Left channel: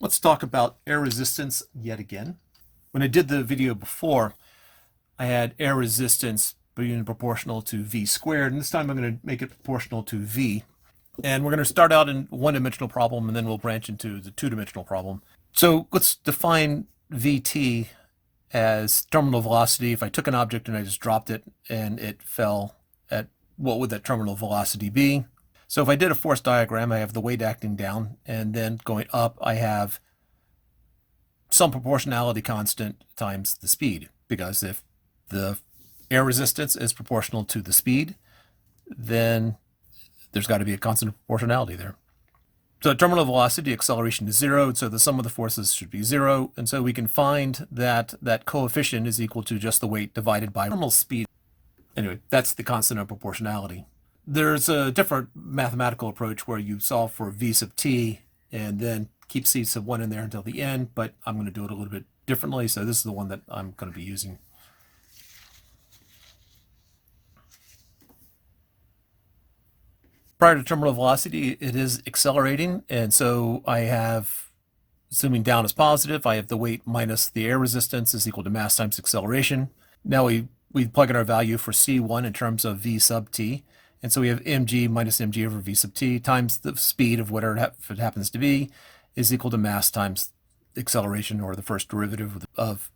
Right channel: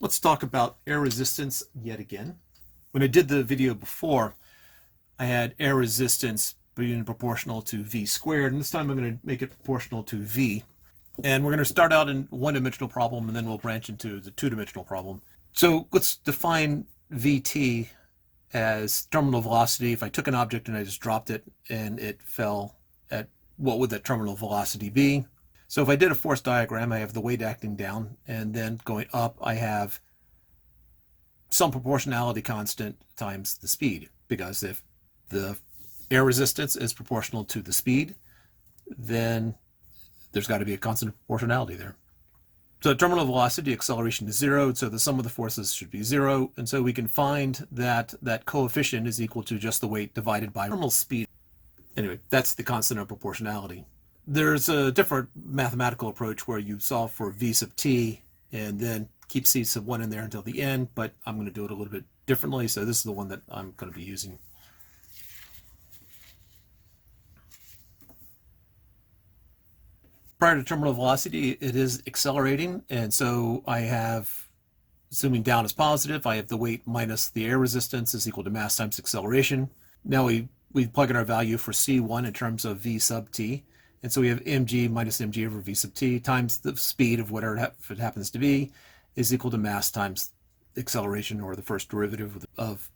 Let's talk about air resistance yet again. When I did the video before, I had air resistance being proportional to v squared, and this time I'm going to make it proportional to v. And we're going to start out in one-dimensional problem, and then we'll branch into the two-dimensional problem. So let's define vt as terminal velocity. If I took an object and I just dropped it and it fell at, what would that terminal velocity be? So if I did a force diagram, I have the weight acting down, and then going up, I have some proportionality constant times the speed, because if the air resistance is proportional to the speed, then there's got to be a constant proportionality there. So terminal velocity, acceleration is 0, so the sum of the forces should be 0, and so we can find that that coefficient is equal to just the weight divided by terminal speed. Anyway, that's the constant of proportionality. There's a different mathematical approach where you solve for v sub t and then keep c sub 1 in there until the end, but I'm going to do it a little bit differently, so this is the one that I'm going to be using. Prior to terminal velocity, it is accelerating, and so I have, assuming down is positive, I have the weight minus the air resistance is equal to mass times acceleration. Now we plug in our value for c1 in terms of v sub t, and so we have mg minus mg over v sub t times the speed of whatever it happens to be is equal to mass times acceleration, or the first derivative of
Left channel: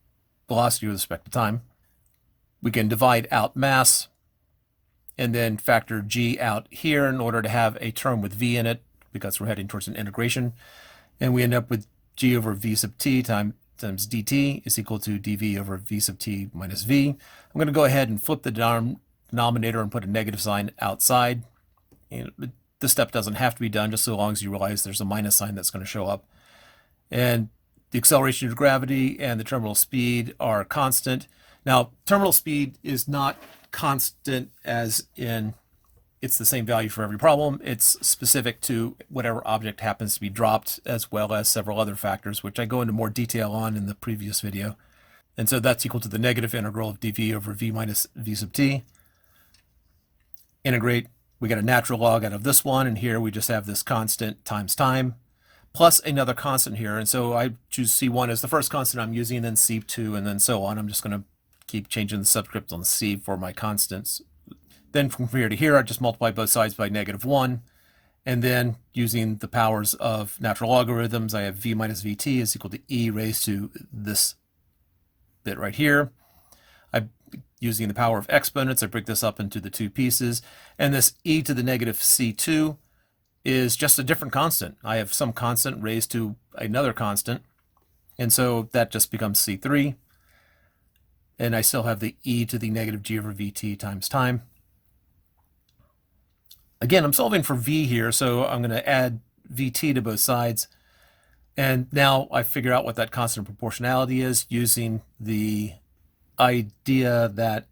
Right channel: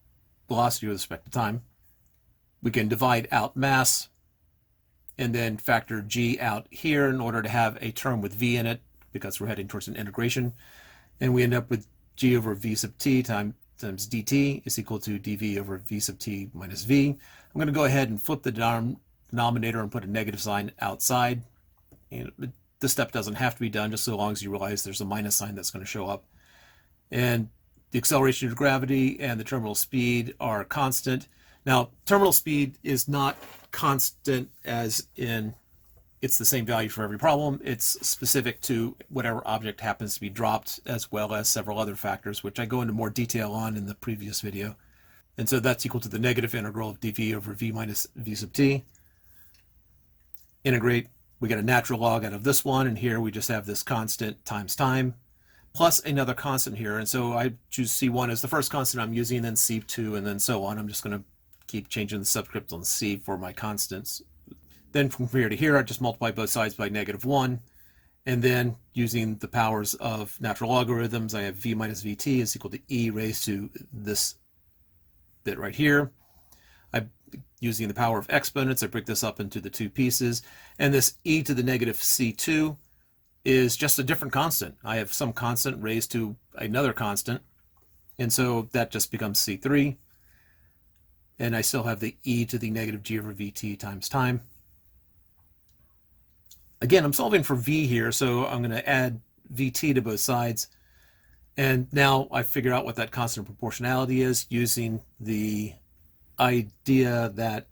velocity with respect to time. We can divide out mass and then factor g out here in order to have a term with v in it, because we're heading towards an integration. And we end up with g over v sub t times dt is equal to dv over v sub t minus v. I'm going to go ahead and flip the denominator and put a negative sign outside. And this step doesn't have to be done, just so long as you realize there's a minus sign that's going to show up. And the acceleration of gravity and the terminal speed are constant. Now, terminal speed is not constant as in it's the same value for every problem. It's specific to whatever object happens to be dropped, as well as several other factors, which I go into more detail on in the previous video. And so that's equal to the negative integral of dv over v minus v sub t. Integrate, we get a natural log out of this one, and here we just have this constant times time, plus another constant here. And so I choose c1 as the first constant I'm using, then c2, and then so on. I'm just going to keep changing the subscript on c for my constants. Then from here to here, I just multiply both sides by -1. And then using the powers of natural logarithms, I have v minus vt is equal to e raised to this bit right here. I'm using the power of exponents. I break this up into the two pieces. And this e to the negative c2 is just a different constant. I have some constant raised to another constant. And so that just becomes c3. And I still have the e to the negative g over vt times time. Again, I'm solving for v here, so I'm going to add vt to both sides. And now I figure out what that constant proportionality is using the idea that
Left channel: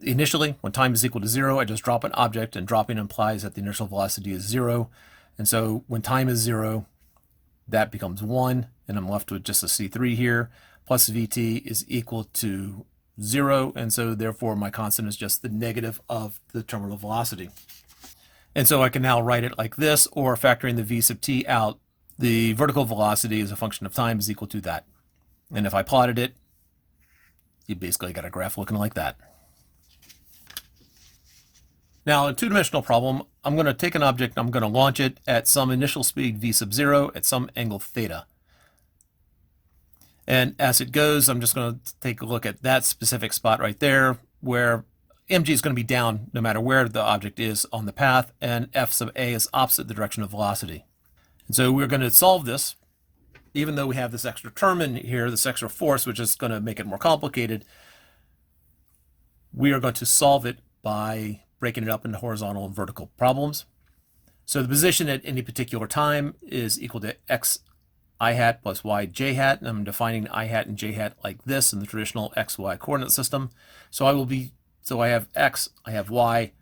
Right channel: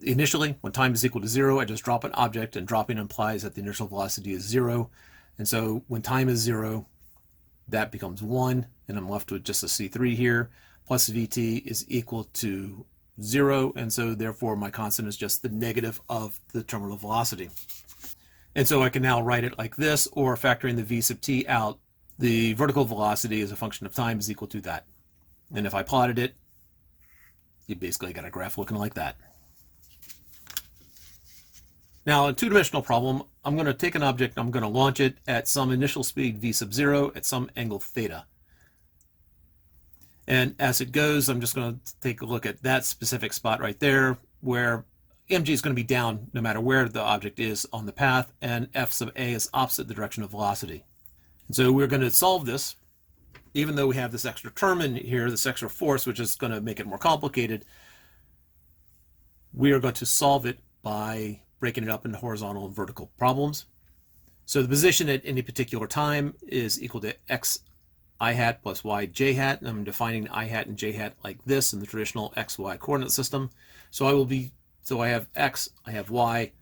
initially, when time is equal to 0, I just drop an object, and dropping implies that the initial velocity is 0. And so when time is 0, that becomes 1, and I'm left with just a c3 here. Plus vt is equal to 0, and so therefore my constant is just the negative of the terminal velocity. And so I can now write it like this, or factoring the v sub t out, the vertical velocity as a function of time is equal to that. And if I plotted it, you basically got a graph looking like that. Now, in a two-dimensional problem, I'm going to take an object, I'm going to launch it at some initial speed v sub 0 at some angle theta. And as it goes, I'm just going to take a look at that specific spot right there, where mg is going to be down no matter where the object is on the path, and f sub a is opposite the direction of velocity. And so we're going to solve this, even though we have this extra term in here, this extra force, which is going to make it more complicated. We are going to solve it by breaking it up into horizontal and vertical problems. So the position at any particular time is equal to x I hat plus y j hat, and I'm defining I hat and j hat like this in the traditional x-y coordinate system. So I have x, I have y.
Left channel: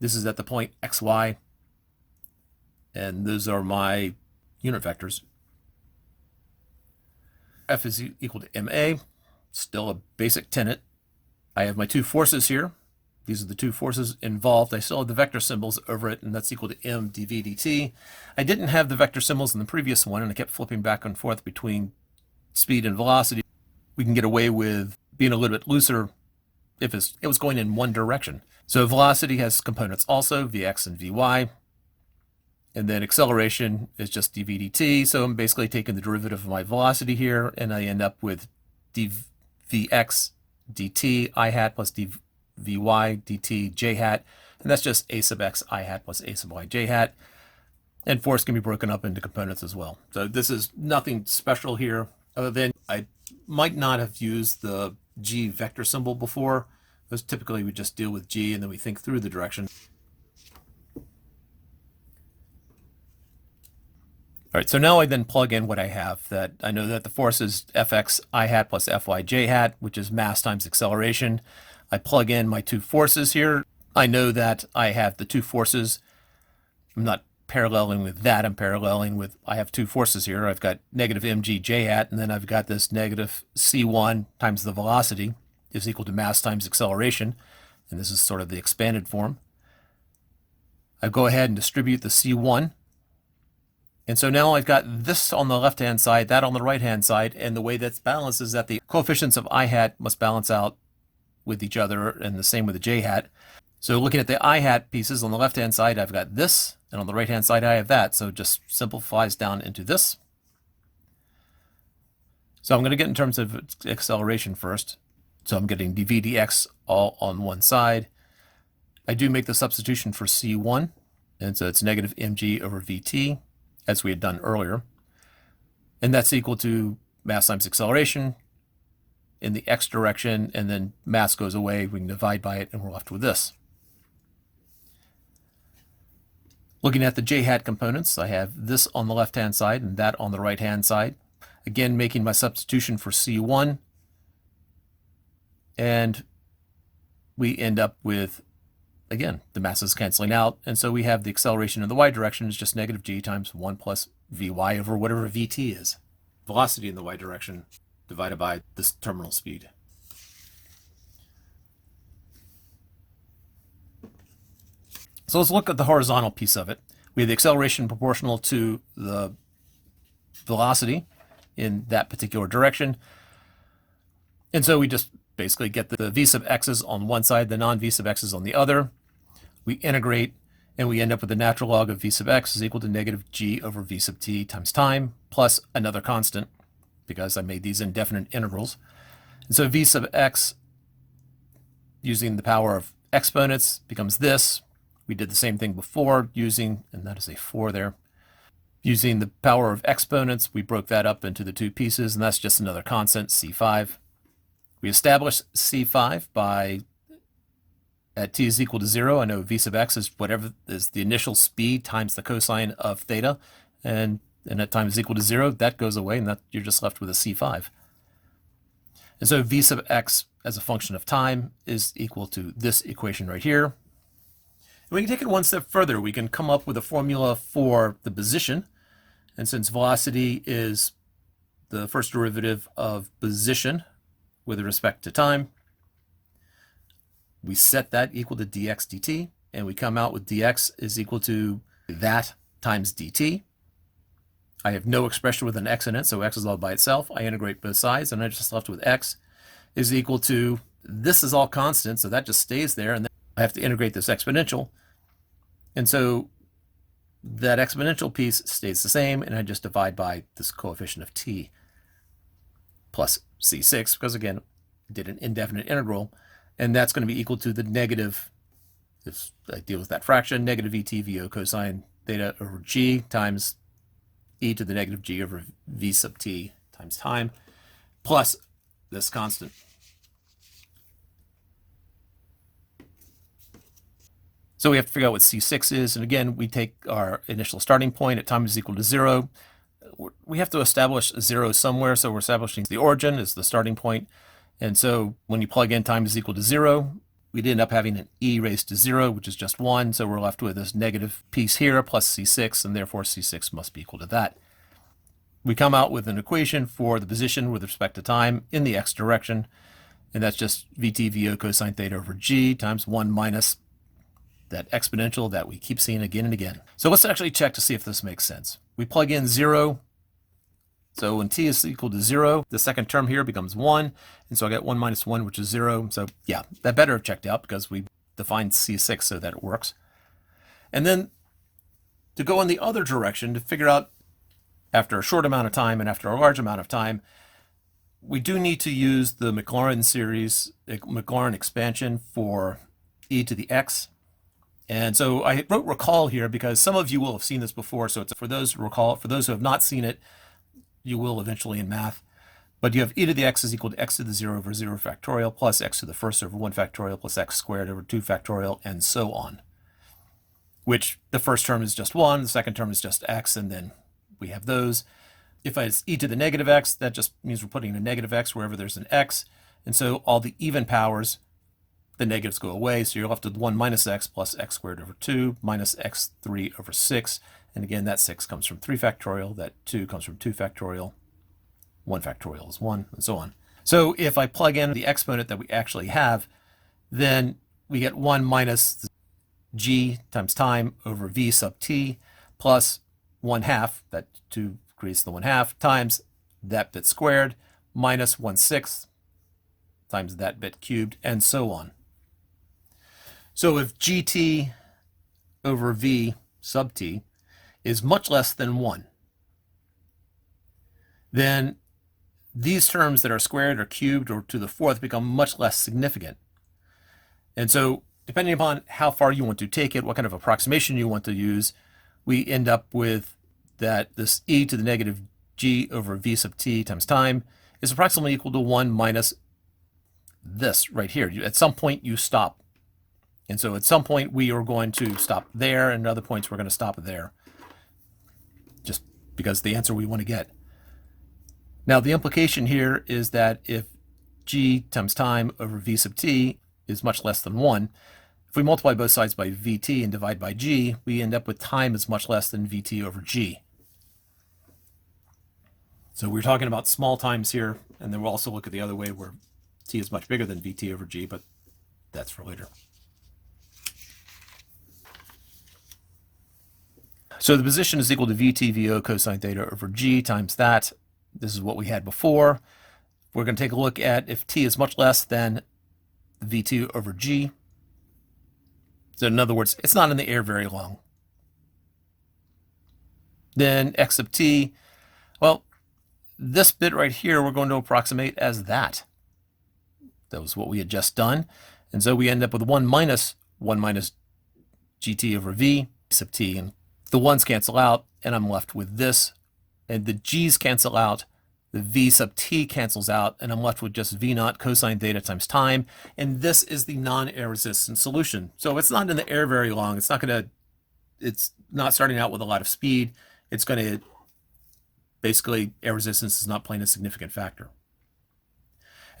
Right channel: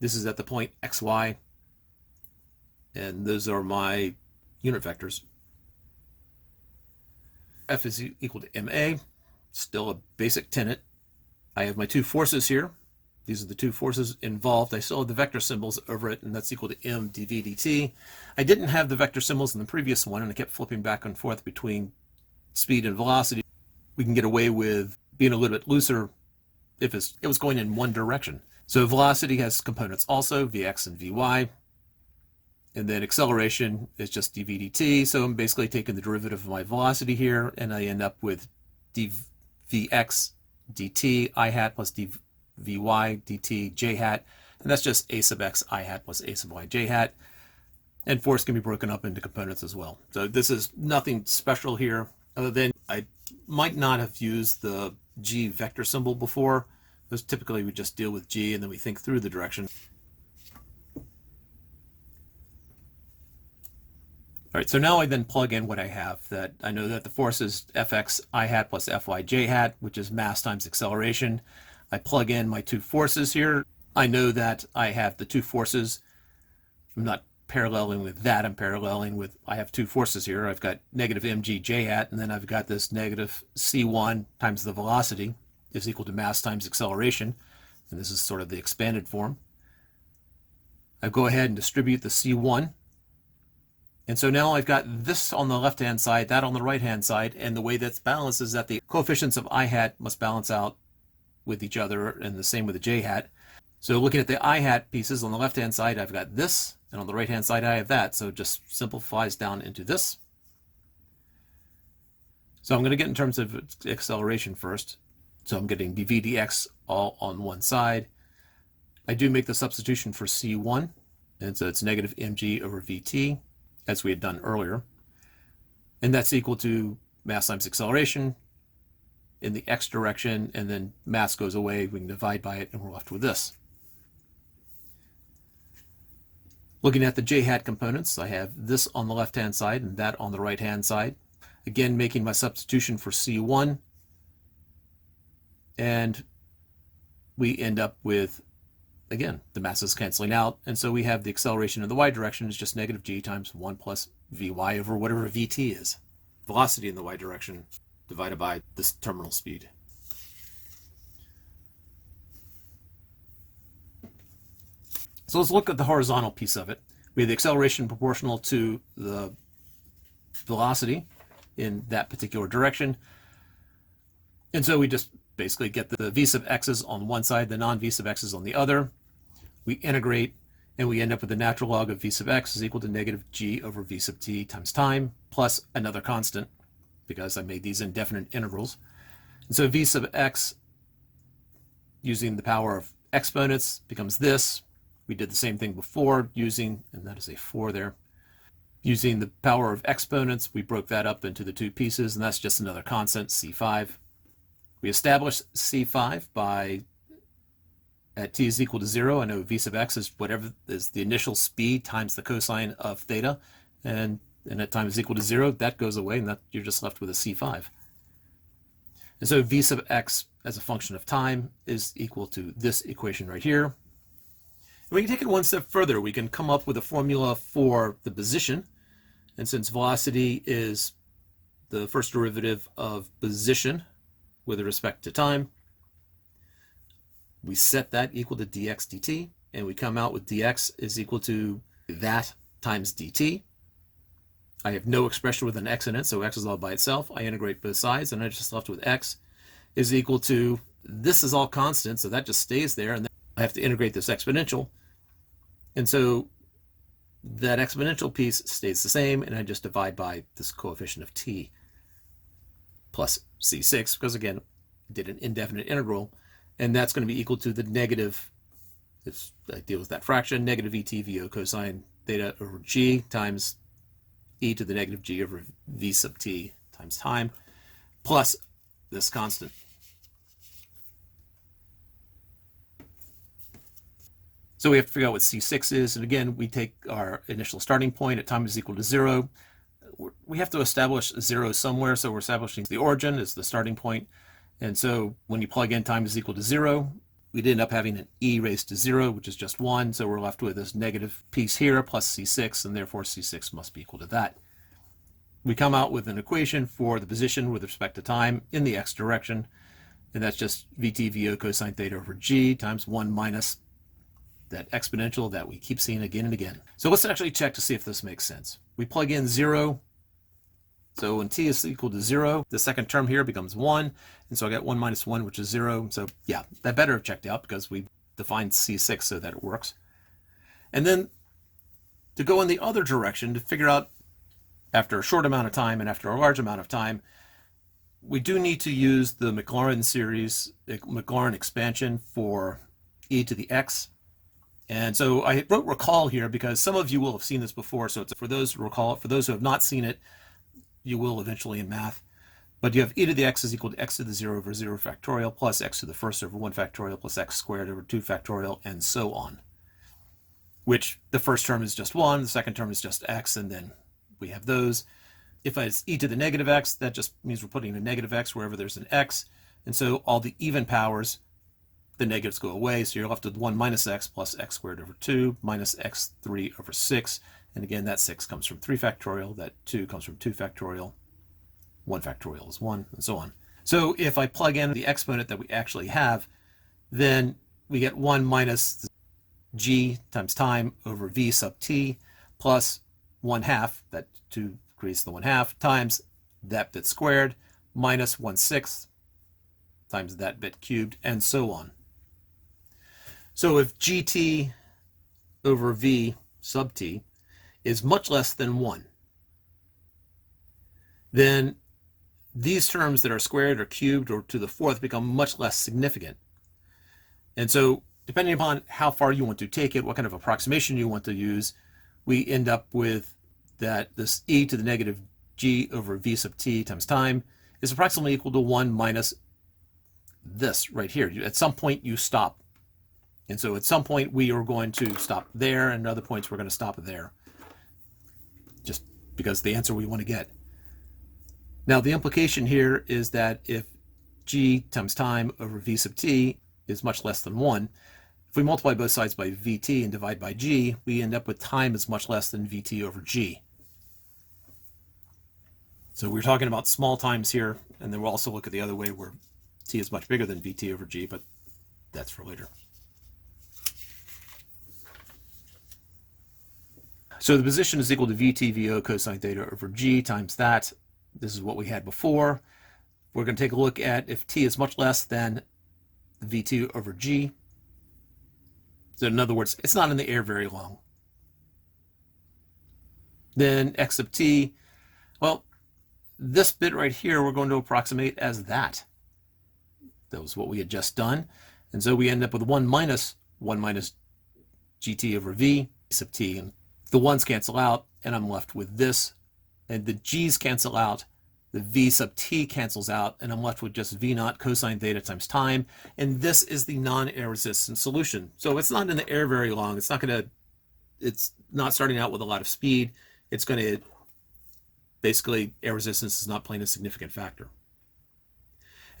This is at the point xy, and those are my unit vectors. F is equal to ma, still a basic tenet. I have my two forces here, These are the two forces involved. I still have the vector symbols over it, and that's equal to m dv dt. I didn't have the vector symbols in the previous one, and I kept flipping back and forth between speed and velocity. We can get away with being a little bit looser if it was going in one direction. So velocity has components also, vx and vy. And then acceleration is just dv dt. So I'm basically taking the derivative of my velocity here, and I end up with vx dt I hat plus dvy dt j hat. And that's just a sub x I hat plus a sub y j hat. And force can be broken up into components as well. So this is nothing special here, other than I might not have used the g vector symbol before, because typically we just deal with g and then we think through the direction. All right, so now I then plug in what I have. That I know that the force is fx I hat plus fy j hat, which is mass times acceleration. I plug in my two forces here. I know that I have the two forces. I'm not paralleling with that. I'm paralleling with, I have two forces here. I've got negative mg j hat, and then I've got this negative c1 times the velocity is equal to mass times acceleration. And this is sort of the expanded form. I go ahead and distribute the c1. And so now I've got this on the left-hand side, that on the right-hand side, and the way that's balanced is that the coefficients of I hat must balance out with each other, and the same with the j hat. So looking at the I hat pieces on the left-hand side, I've got this, and on the right-hand side, I have that. So it just simplifies down into this. So I'm going to get in terms of acceleration first. So I'm getting dv dx all on one side. I do make the substitution for c1, and so it's negative mg over vt, as we had done earlier. And that's equal to mass times acceleration in the x direction, and then mass goes away, we can divide by it, and we're left with this. Looking at the j hat components, I have this on the left-hand side and that on the right-hand side. Again, making my substitution for c1, and we end up with, again, the masses canceling out, and so we have the acceleration in the y direction is just negative g times 1 plus vy over whatever vt is. Velocity in the y direction divided by this terminal speed. So let's look at the horizontal piece of it. We have the acceleration proportional to the velocity in that particular direction. And so we just basically get the v sub x's on one side, the non-v sub x's on the other. We integrate, and we end up with the natural log of v sub x is equal to negative g over v sub t times time, plus another constant, because I made these indefinite integrals. And so v sub x, using the power of exponents, becomes this. We did the same thing before using, and that is a 4 there. Using the power of exponents, we broke that up into the two pieces, and that's just another constant, c5. We established c5 by, at t is equal to 0, I know v sub x is whatever is the initial speed times the cosine of theta, and at time is equal to 0, that goes away, and that you're just left with a c5. And so v sub x as a function of time is equal to this equation right here. And we can take it one step further. We can come up with a formula for the position, and since velocity is the first derivative of position with respect to time, we set that equal to dx dt, and we come out with dx is equal to that times dt. I have no expression with an x in it, so x is all by itself. I integrate both sides, and I'm just left with x is equal to, this is all constant, so that just stays there, and then I have to integrate this exponential. And so that exponential piece stays the same, and I just divide by this coefficient of t plus c6, because again, I did an indefinite integral, and that's going to be equal to the negative, if I deal with that fraction, negative et vo cosine theta over g times e to the negative g over v sub t times time, plus this constant. So we have to figure out what c6 is, and again, we take our initial starting point at time is equal to 0. We have to establish 0 somewhere, so we're establishing the origin is the starting point. And so when you plug in time is equal to 0, we'd end up having an e raised to 0, which is just 1, so we're left with this negative piece here plus c6, and therefore c6 must be equal to that. We come out with an equation for the position with respect to time in the x direction, And that's just VT/VO cosine theta over G times 1 minus that exponential that we keep seeing again and again. So let's actually check to see if this makes sense. We plug in 0. So when t is equal to 0, the second term here becomes 1. And so I get 1 minus 1, which is 0. So yeah, that better have checked out because we defined C6 so that it works. And then to go in the other direction to figure out after a short amount of time and after a large amount of time, we do need to use the Maclaurin series, Maclaurin expansion for e to the x. And so I wrote recall here because some of you will have seen this before. So it's for those who recall, for those who have not seen it, you will eventually in math. But you have e to the x is equal to x to the 0 over 0 factorial plus x to the first over 1 factorial plus x squared over 2 factorial and so on. Which the first term is just 1, the second term is just x, and then we have those. If it's e to the negative x, that just means we're putting a negative x wherever there's an x. And so all the even powers, the negatives go away. So you're left with 1 minus x plus x squared over 2 minus x3 over 6. And again, that 6 comes from 3 factorial. That 2 comes from 2 factorial. 1 factorial is 1, and so on. So if I plug in the exponent that we actually have, then we get 1 minus g times time over v sub t plus 1/2, that 2 creates the 1/2, times that bit squared minus 1/6 times that bit cubed, and so on. So if gt over v sub t is much less than 1, then these terms that are squared or cubed or to the fourth become much less significant. And so depending upon how far you want to take it, what kind of approximation you want to use, we end up with that this e to the negative g over v sub t times time is approximately equal to 1 minus this right here. At some point you stop. And so at some point we are going to stop there, and at other points we're going to stop there. Just because the answer we want to get. Now the implication here is that if g times time over v sub t is much less than 1, if we multiply both sides by vt and divide by g, we end up with time is much less than vt over g. So we're talking about small times here, and then we'll also look at the other way where t is much bigger than vt over g, but that's for later. So the position is equal to VT/VO cosine theta over g times that. This is what we had before. We're going to take a look at if t is much less than v2 over g. So in other words, it's not in the air very long. Then x sub t, well, this bit right here we're going to approximate as that. That was what we had just done. And so we end up with 1 minus gt over v sub t. And the 1's cancel out, and I'm left with this. And the g's cancel out, the v sub t cancels out, and I'm left with just v0 cosine theta times time. And this is the non-air resistant solution. So it's not in the air very long. It's not starting out with a lot of speed. It's going to, basically, air resistance is not playing a significant factor.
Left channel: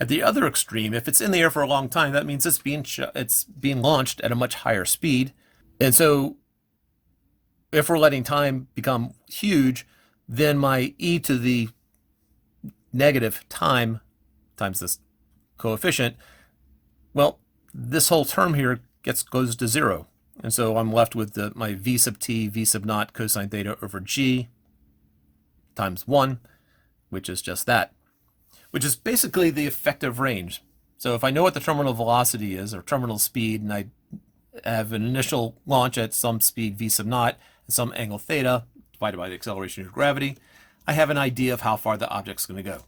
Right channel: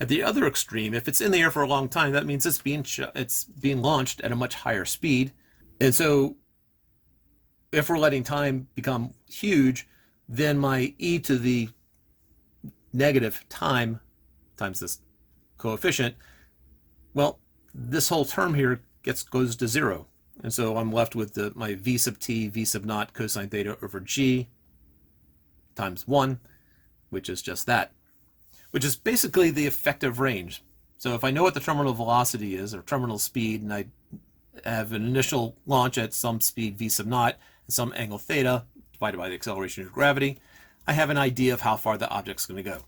At the other extreme, if it's in the air for a long time, that means it's being launched at a much higher speed. And so if we're letting time become huge, then my e to the negative time times this coefficient, well, this whole term here goes to 0. And so I'm left with my v sub t, v sub naught cosine theta over g times 1, which is just that, which is basically the effective range. So if I know what the terminal velocity is, or terminal speed, and I have an initial launch at some speed v sub naught and some angle theta, divided by the acceleration due to gravity, I have an idea of how far the object's going to go.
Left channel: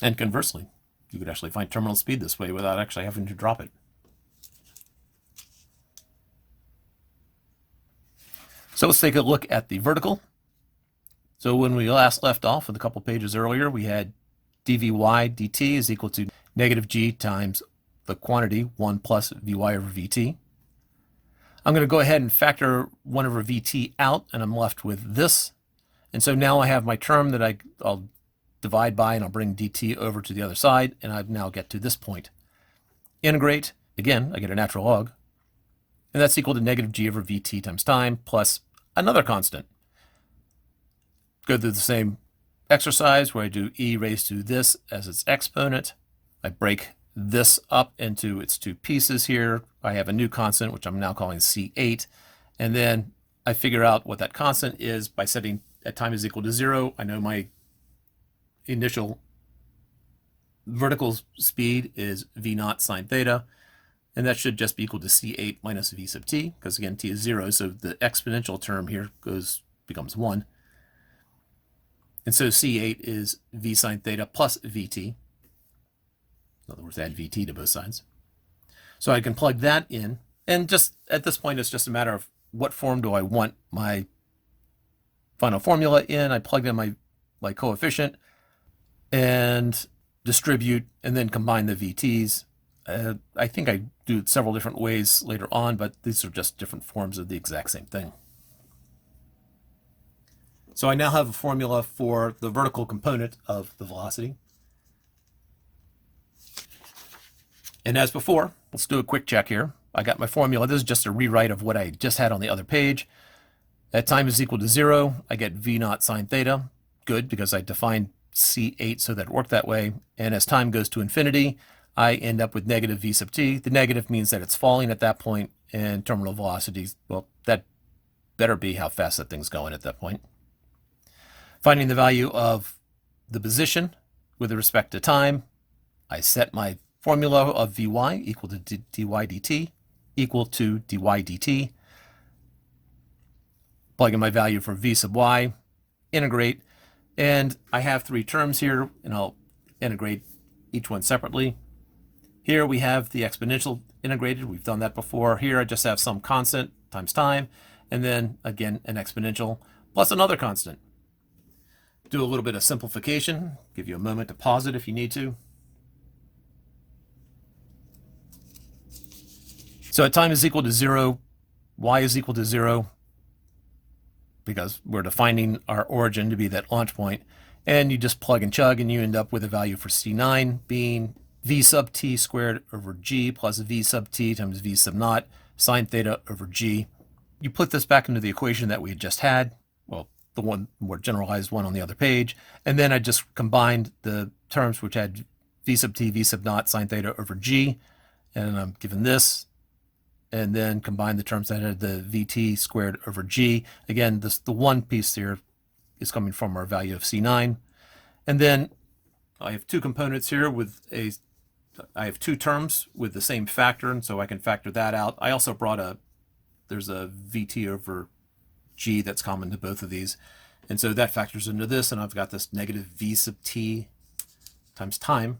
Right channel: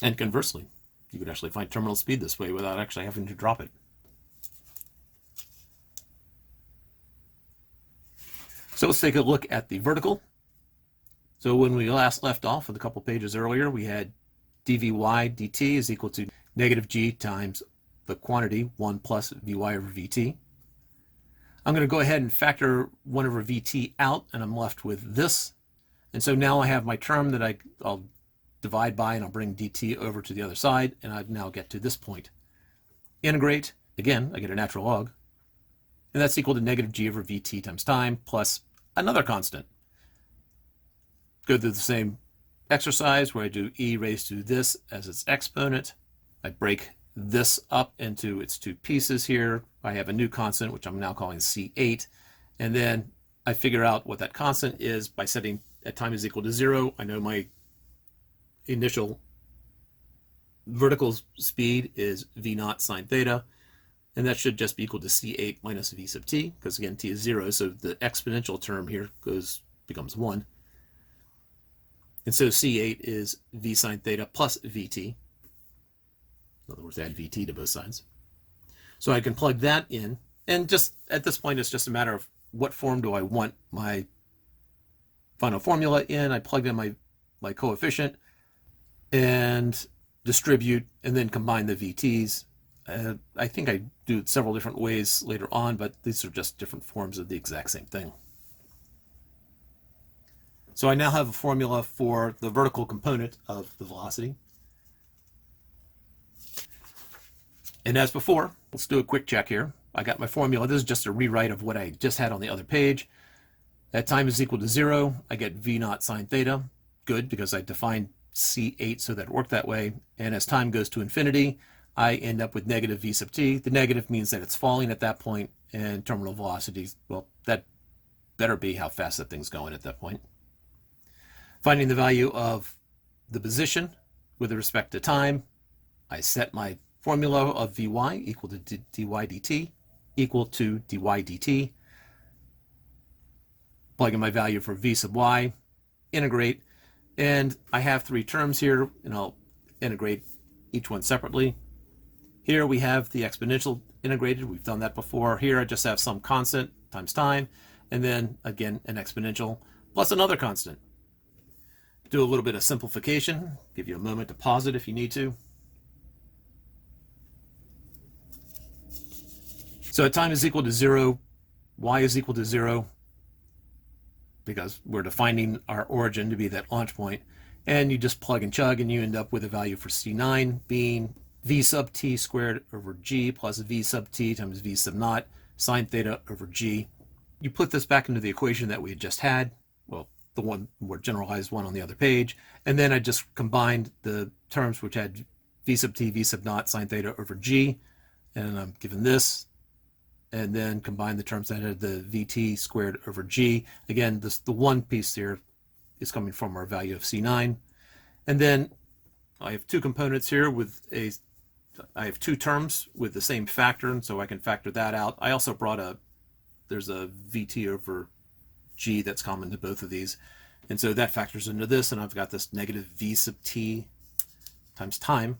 And conversely, you could actually find terminal speed this way without actually having to drop it. So let's take a look at the vertical. So when we last left off with a couple pages earlier, we had dvy dt is equal to negative g times the quantity 1 plus vy over vt. I'm going to go ahead and factor 1 over vt out, and I'm left with this. And so now I have my term that I'll divide by, and I'll bring dt over to the other side, and I now get to this point. Integrate, again, I get a natural log, and that's equal to negative g over vt times time plus another constant. Go through the same exercise where I do e raised to this as its exponent. I break this up into its two pieces here. I have a new constant, which I'm now calling C8. And then I figure out what that constant is by setting at time is equal to 0. I know my initial vertical speed is v0 sine theta, and that should just be equal to C8 minus v sub t, because again, t is 0, so the exponential term here becomes 1. And so C8 is v sine theta plus vt. In other words, add vt to both sides. So I can plug that in, and just at this point, it's just a matter of what form do I want my final formula in. I plug in my coefficient and distribute, and then combine the VTs. I think I do it several different ways later on, but these are just different forms of the exact same thing. So I now have a formula for the vertical component of the velocity. And as before, let's do a quick check here. I got my formula. This is just a rewrite of what I just had on the other page. At time is equal to 0, I get v0 sine theta. Good, because I defined C8 so that it worked that way. And as time goes to infinity, I end up with negative v sub t. The negative means that it's falling at that point, and terminal velocities, well, that better be how fast that thing's going at that point. Finding the value of the position with respect to time, I set my formula of Vy equal to dy dt equal to dy dt. Plug in my value for v sub y, integrate, and I have three terms here, and I'll integrate each one separately. Here we have the exponential integrated. We've done that before. Here I just have some constant times time, and then again an exponential plus another constant. Do a little bit of simplification. Give you a moment to pause it if you need to. So time is equal to 0, y is equal to 0, because we're defining our origin to be that launch point, and you just plug and chug, and you end up with a value for C9 being v sub t squared over g plus v sub t times v sub naught sine theta over g. You put this back into the equation that we had just had, well, the one more generalized one on the other page, and then I just combined the terms which had v sub t, v sub naught sine theta over g, and I'm given this, and then combine the terms that had the vt squared over g. Again, the one piece here is coming from our value of C9. And then I have two components here with I have two terms with the same factor, and so I can factor that out. I also brought there's a vt over g that's common to both of these. And so that factors into this, and I've got this negative v sub t times time.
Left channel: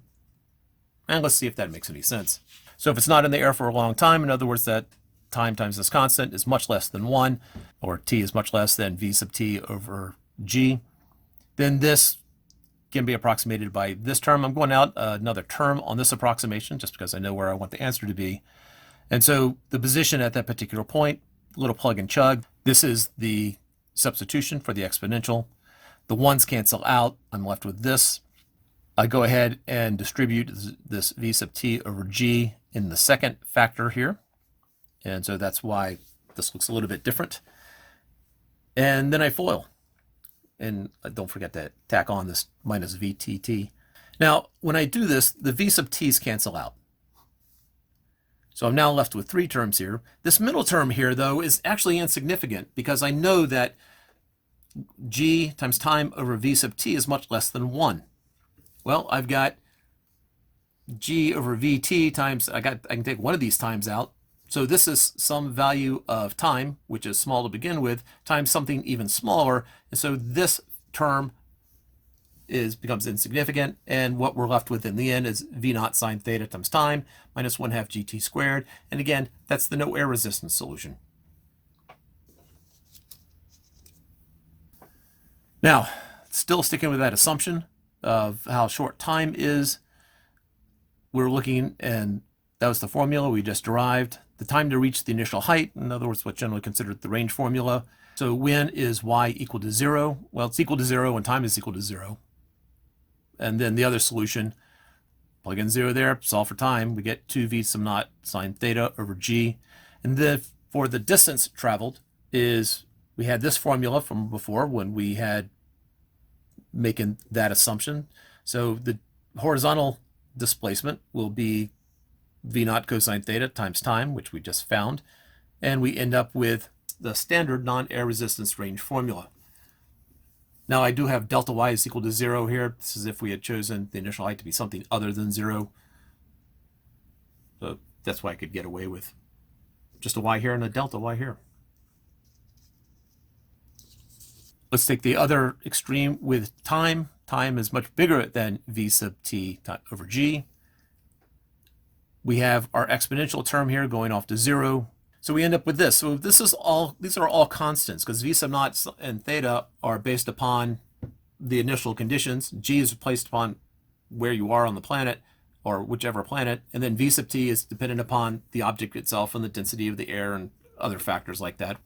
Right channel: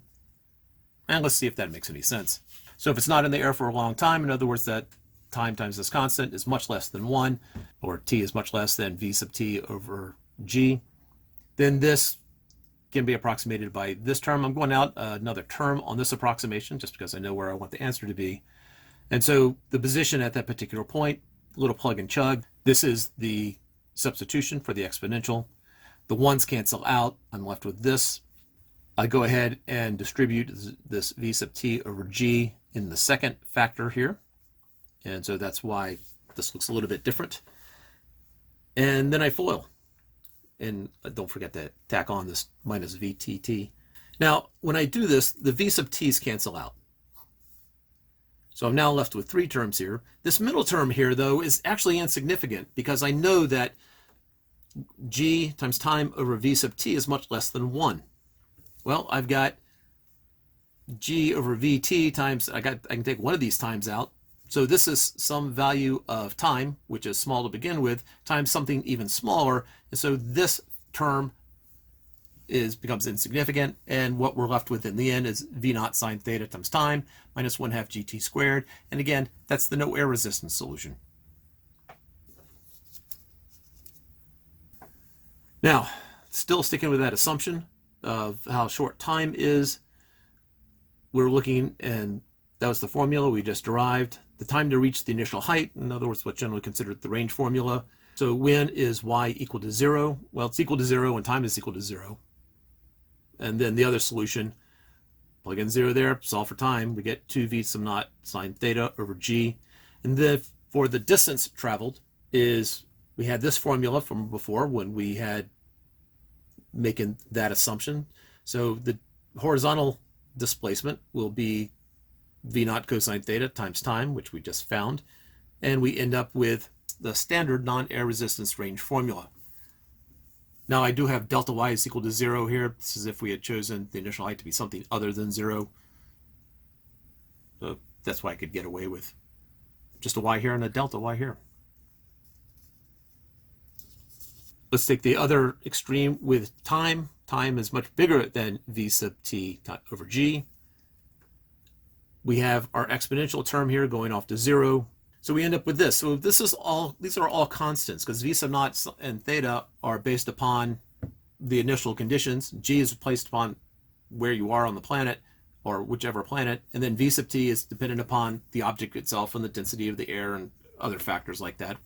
And let's see if that makes any sense. So if it's not in the air for a long time, in other words, that time times this constant is much less than 1, or t is much less than v sub t over g, then this can be approximated by this term. I'm going out another term on this approximation just because I know where I want the answer to be. And so the position at that particular point, a little plug and chug. This is the substitution for the exponential. The ones cancel out. I'm left with this. I go ahead and distribute this v sub t over g in the second factor here. And so that's why this looks a little bit different. And then I FOIL. And don't forget to tack on this minus vtt. Now, when I do this, the v sub t's cancel out. So I'm now left with three terms here. This middle term here, though, is actually insignificant because I know that g times time over v sub t is much less than 1. Well, I've got g over vt times, I can take one of these times out. So this is some value of time, which is small to begin with, times something even smaller. And so this term becomes insignificant. And what we're left with in the end is v0 sine theta times time minus 1/2 gt squared. And again, that's the no air resistance solution. Now, still sticking with that assumption of how short time is, we're looking, and that was the formula we just derived. The time to reach the initial height, in other words, what's generally considered the range formula. So when is y equal to 0? Well, it's equal to 0 when time is equal to 0. And then the other solution, plug in 0 there, solve for time. We get 2v sub naught sine theta over g. And then for the distance traveled is, we had this formula from before when we had making that assumption. So the horizontal displacement will be v naught cosine theta times time, which we just found, and we end up with the standard non-air resistance range formula. Now I do have delta y is equal to 0 here. This is if we had chosen the initial height to be something other than 0. So that's why I could get away with just a y here and a delta y here. Let's take the other extreme with time. Time is much bigger than v sub t over g. We have our exponential term here going off to 0. So we end up with this. So these are all constants because v sub naught and theta are based upon the initial conditions. G is based upon where you are on the planet or whichever planet. And then v sub t is dependent upon the object itself and the density of the air and other factors like that.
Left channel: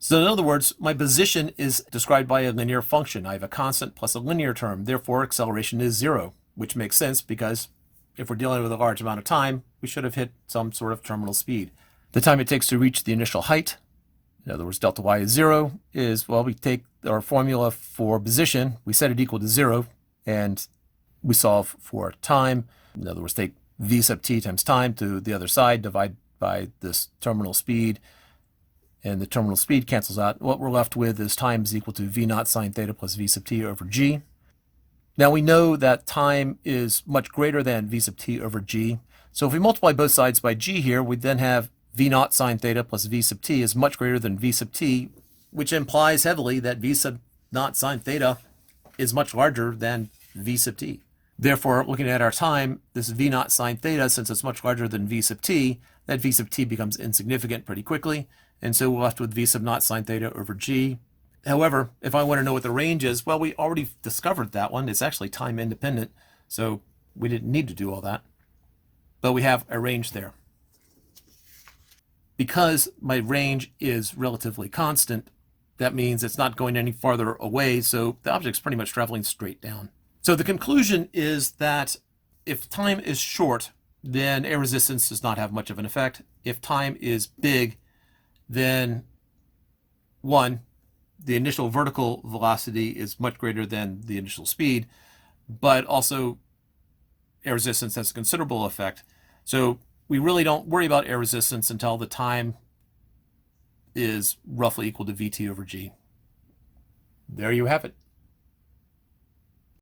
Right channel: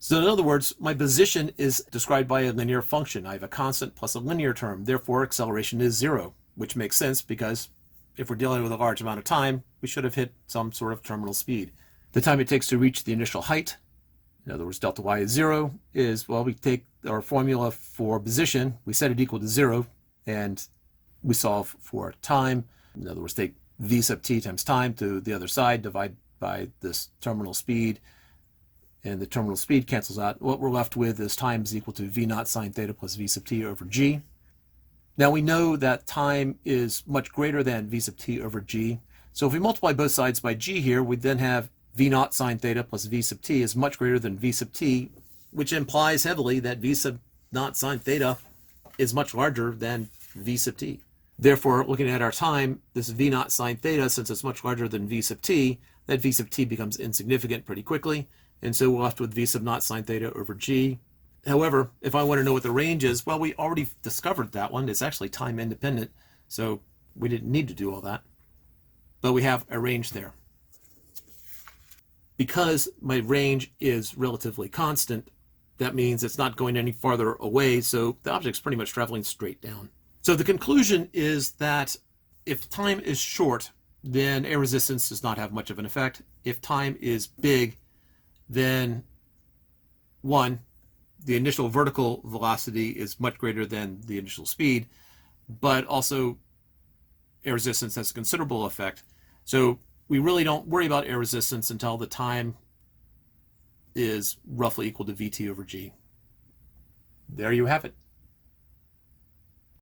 So in other words, my position is described by a linear function. I have a constant plus a linear term. Therefore, acceleration is 0, which makes sense because if we're dealing with a large amount of time, we should have hit some sort of terminal speed. The time it takes to reach the initial height, in other words, delta y is 0, is, well, we take our formula for position, we set it equal to 0, and we solve for time. In other words, take v sub t times time to the other side, divide by this terminal speed, and the terminal speed cancels out. What we're left with is time is equal to v naught sine theta plus v sub t over g. Now we know that time is much greater than v sub t over g. So if we multiply both sides by g here, we then have v naught sine theta plus v sub t is much greater than v sub t, which implies heavily that v sub naught sine theta is much larger than v sub t. Therefore, looking at our time, this v naught sine theta, since it's much larger than v sub t, that v sub t becomes insignificant pretty quickly. And so we're left with v sub naught sine theta over g. However, if I want to know what the range is, well, we already discovered that one. It's actually time independent, so we didn't need to do all that. But we have a range there. Because my range is relatively constant, that means it's not going any farther away, so the object's pretty much traveling straight down. So the conclusion is that if time is short, then air resistance does not have much of an effect. If time is big, then one, the initial vertical velocity is much greater than the initial speed, but also air resistance has a considerable effect. So we really don't worry about air resistance until the time is roughly equal to Vt over g. There you have it.